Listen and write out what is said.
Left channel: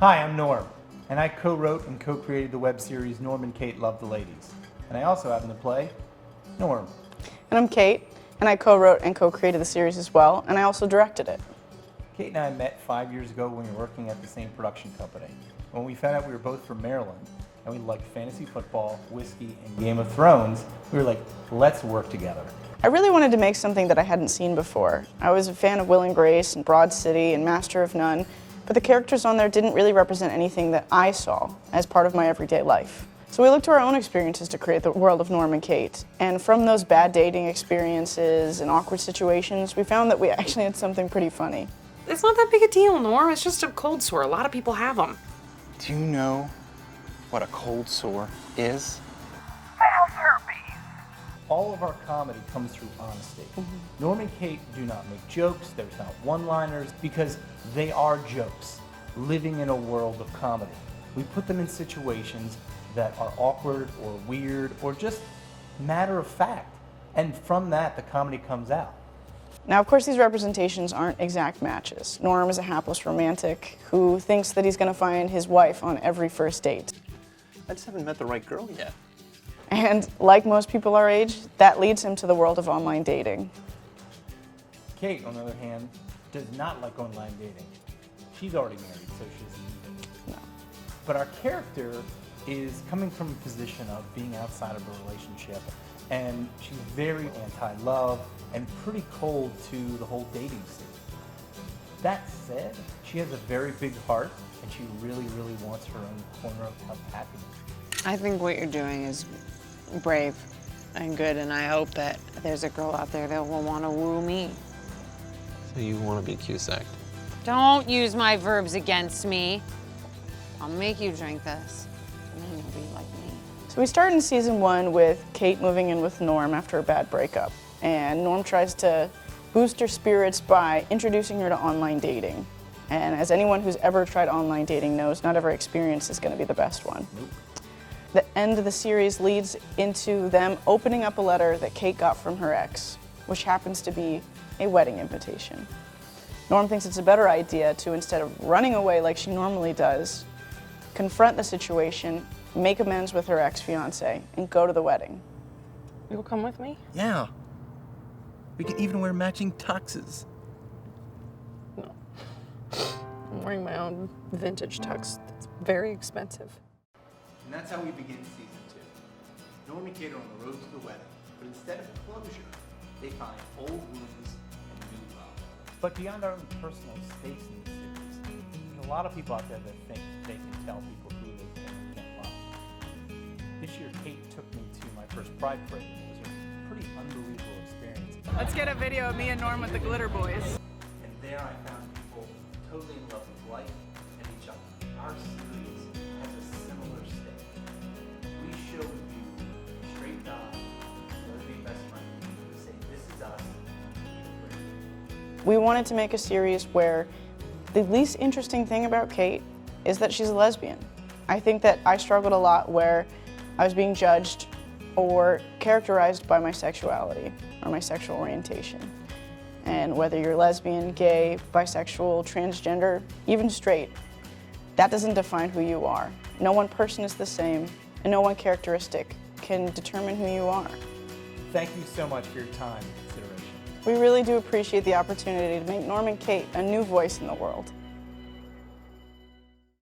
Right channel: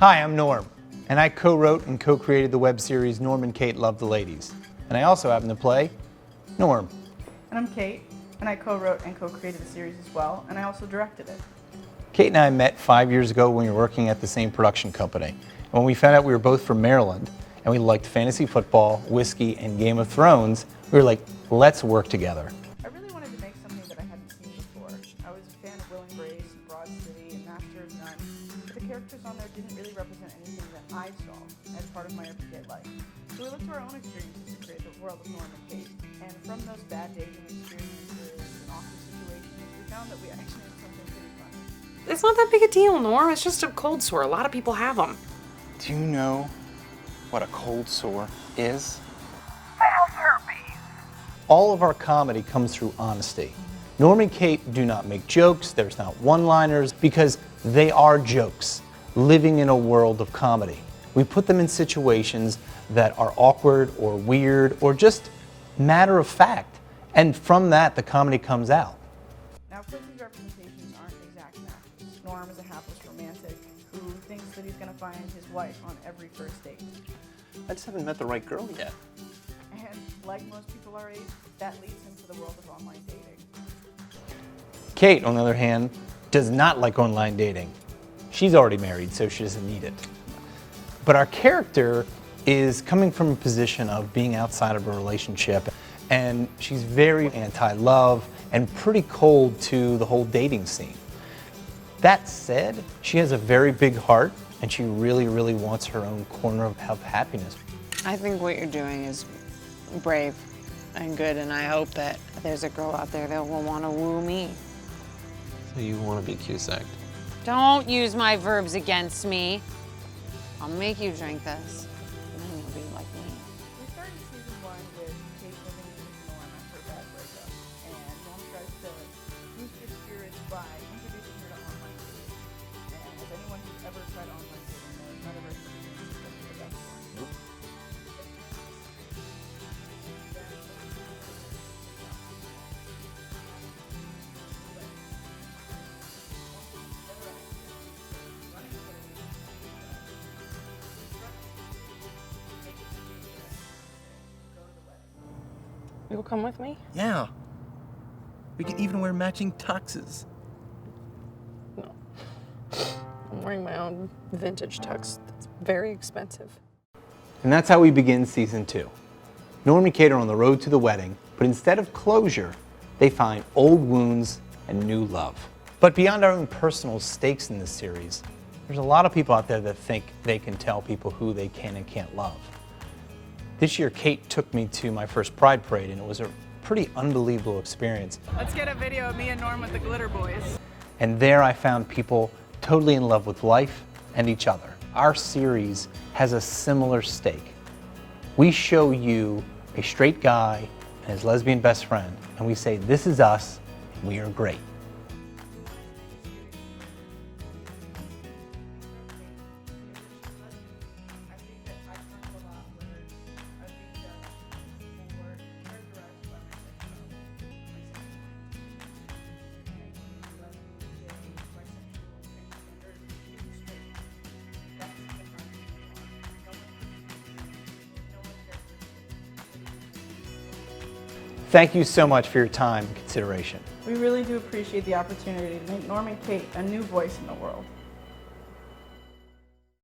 Hi, I'm Norm, and I co-wrote and co-created the web series Norm and Kate Love the Ladies. And I also happen to play Norm. And I'm Kate, and I co-wrote and co-created the series as well, and I also directed it. Kate and I met 5 years ago when we were working at the same production company. When we found out we were both from Maryland, and we liked fantasy football, whiskey, and Game of Thrones, we were like, let's work together. I really wanted to make something that I hadn't seen before. I was a fan of Will and Grace and Broad City and Master of None, but the characters on there didn't really represent anything that I saw as part of my everyday life. So we looked to our own experiences to create the world of Norm and Kate. And from those bad dating experiences and awkward situations, we found that we actually had something pretty funny. It's not that big a deal, Norm. It's just a cold sore. A lot of people have them. Do you know what a cold sore is? All of our comedy comes through honesty. Norm and Kate do not make jokes, there's not one-liners, because they are jokes, living in a world of comedy. We put them in situations that are awkward or weird or just matter of fact, and from that the comedy comes out. Now, of course, these representations aren't exact matches. Norm is a hapless romantic who thinks that he's going to find his wife on every first date. I just haven't met the right girl yet. And like most people our age, that leads him to the world of online dating. Kate, on the other hand, does not like online dating. She's already married, so she doesn't need it. But our character is coming from a position of being outside of a relationship, and she's very anti-love and pretty cold to the whole dating scene. That said, she has a very big heart, and she really, really wants her own corner of happiness. I think what you're doing is brave and good, and I hope that there's a girl out there that will want to woo me. So you want to be Cusacked? Don't use my verbs against me. I'll make you drink this, and then you'll be like me. So we start in season 1 with Kate moving in with Norm after a bad breakup. And Norm tries to boost her spirits by introducing her to online dating. And as anyone who's ever tried online dating knows, not every experience is going to be the best one. The end of the series leads into them opening up a letter that Kate got from her ex, which happens to be a wedding invitation. Norm thinks it's a better idea to, instead of running away like she normally does, confront the situation, make amends with her ex-fiance, and go to the wedding. You'll come with me? Yeah. We can even wear matching tuxes. No. I'm wearing my own vintage tux. It's very expensive. And that's how we begin season 2. Norm and Kate are on the road to the wedding, but instead of closure, they find old wounds and new love. But beyond our own personal stakes in this series, there's a lot of people out there that think they can tell people who they can and can't love. This year, Kate took me to my first Pride Parade, and it was a pretty unbelievable experience. Let's get a video of me and Norm with the Glitter Boys. And there I found people totally in love with life and each other. Our series has a similar stake. We show you a straight guy and his lesbian best friend, and we say, this is us, we are great. We wanted to make a series where the least interesting thing about Kate is that she's a lesbian. I think that I struggled a lot where I was being judged or characterized by my sexuality or my sexual orientation. And whether you're lesbian, gay, bisexual, transgender, even straight, that doesn't define who you are. No one person is the same, and no one characteristic can determine who you are. Thank you so much for your time and consideration. We really do appreciate the opportunity to make Norm and Kate a new voice in the world.